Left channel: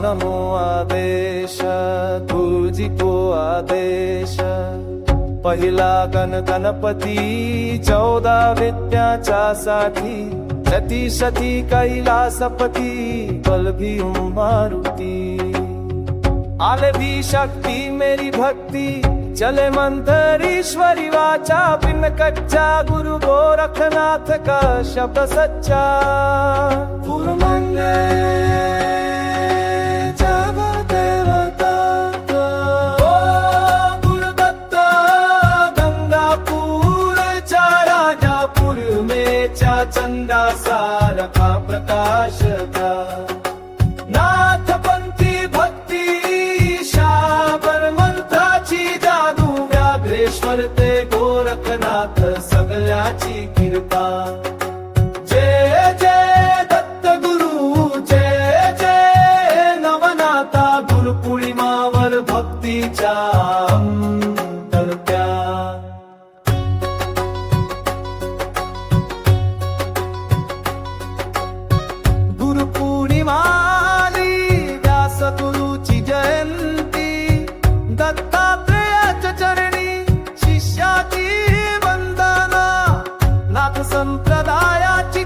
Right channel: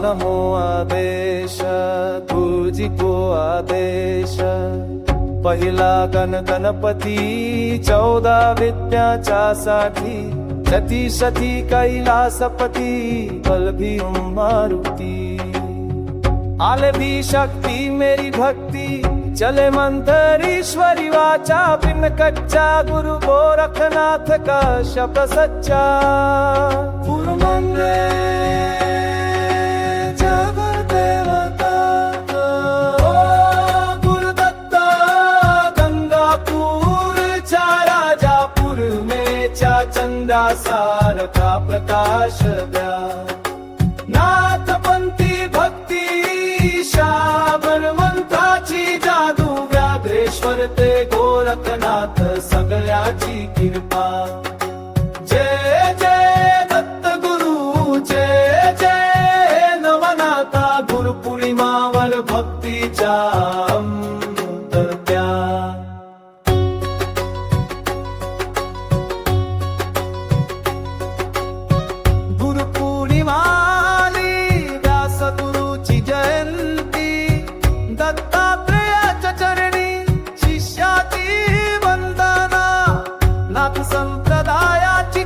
नमो आदेश गुरुजी को आदेश पहिला गणपती 14 विद्याच्या साठी सती सती कैलासपती बलभीम मारुती आले भी शक्ति मेरी भक्ति चले मंत्र ईश्वरी वाचा बिन कच्चा गुरु गोरखनाथ का शब्द सच्चा पुरमंगे जब देवता गुरुदत्ता गंगापुर चा राजापुर में चा चंदा सार का प्रकाश द्या नाथपंथी भक्ती शाबरवंताची जादू व्याघ्रेश्वर ते गोरखनाथ सगळ्याची कृपा जय जय दत्त गुरु जय जय नवनाथा गुरुपौर्णिमावर भक्तीच्या अंतर्त्या गुरुपौर्णिमा गुरुची जयंती दत्तात्रेयाच्या चरणी शिष्याची वंदना नाथ संप्रदायाची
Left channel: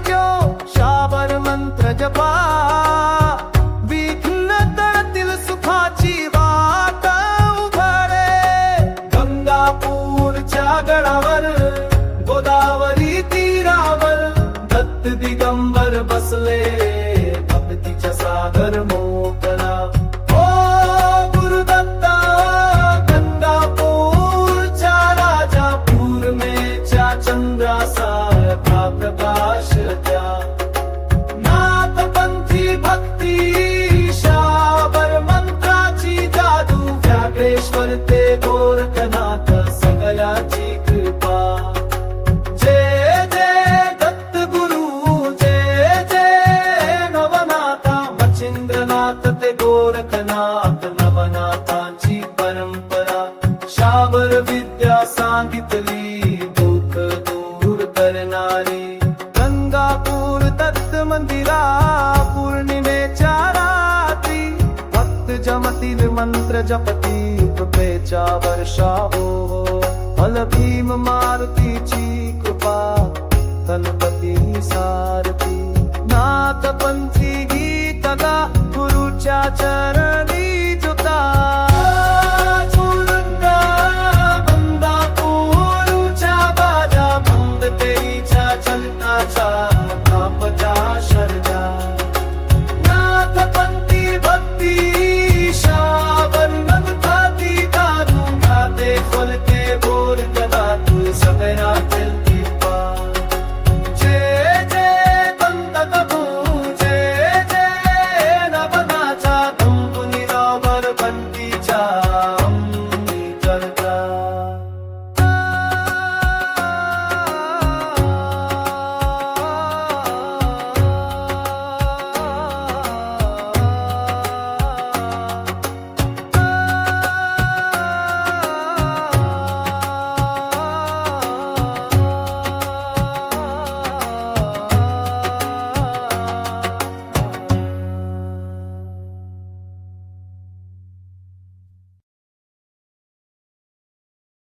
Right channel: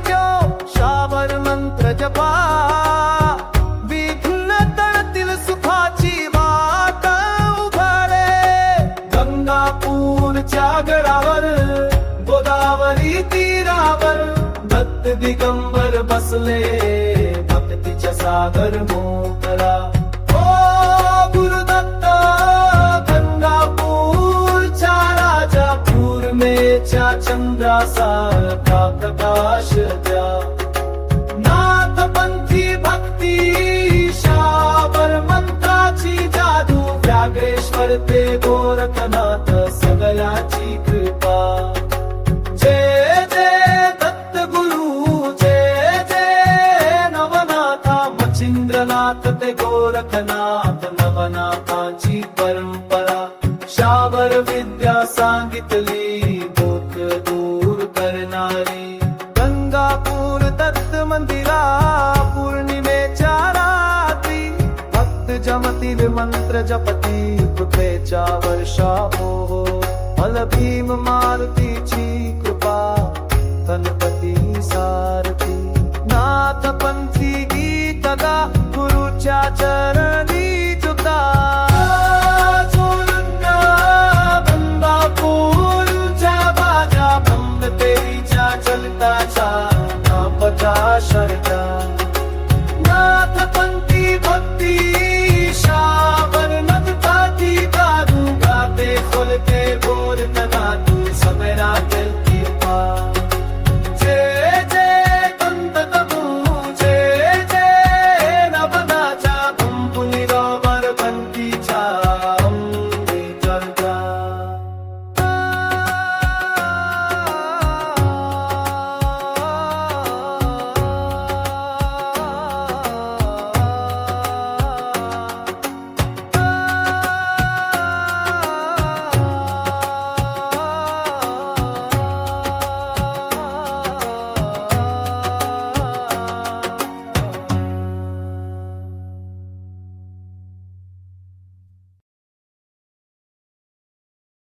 शाबर मंत्र जपा विघ्न तळतील सुखाची वाट उघडे गंगापूरच्या गडावर गोदावरी तीरावर दत्त दिगंबर बसले भक्तीच्या सागर मोकरा ओ गुरुदत्ता गंगापूर चा राजापूर में चा चंद्रासा का प्रकाश द्या नाथपंथी भक्ती शाबर मंत्राची जादू व्याघ्रेश्वर ते गोरखनाथ सगळ्याची कृपा जय जय दत्त गुरु जय जय नवनाथा मच्छिंद्रनाथ ते गोरखनाथ नवनाथाची परंपरा शाबर विद्या सांगितली दुःख दूर करणारी गंगापूर दत्त मंदिरा पौर्णिमेच्या रात्री भक्त जमतील मंत्र जपती कृपेच्या वर्षा हो बलभीम मारुतीची कृपा गणपती सारथी नाथपंथी गीत गा गुरुच्या चरणी जुता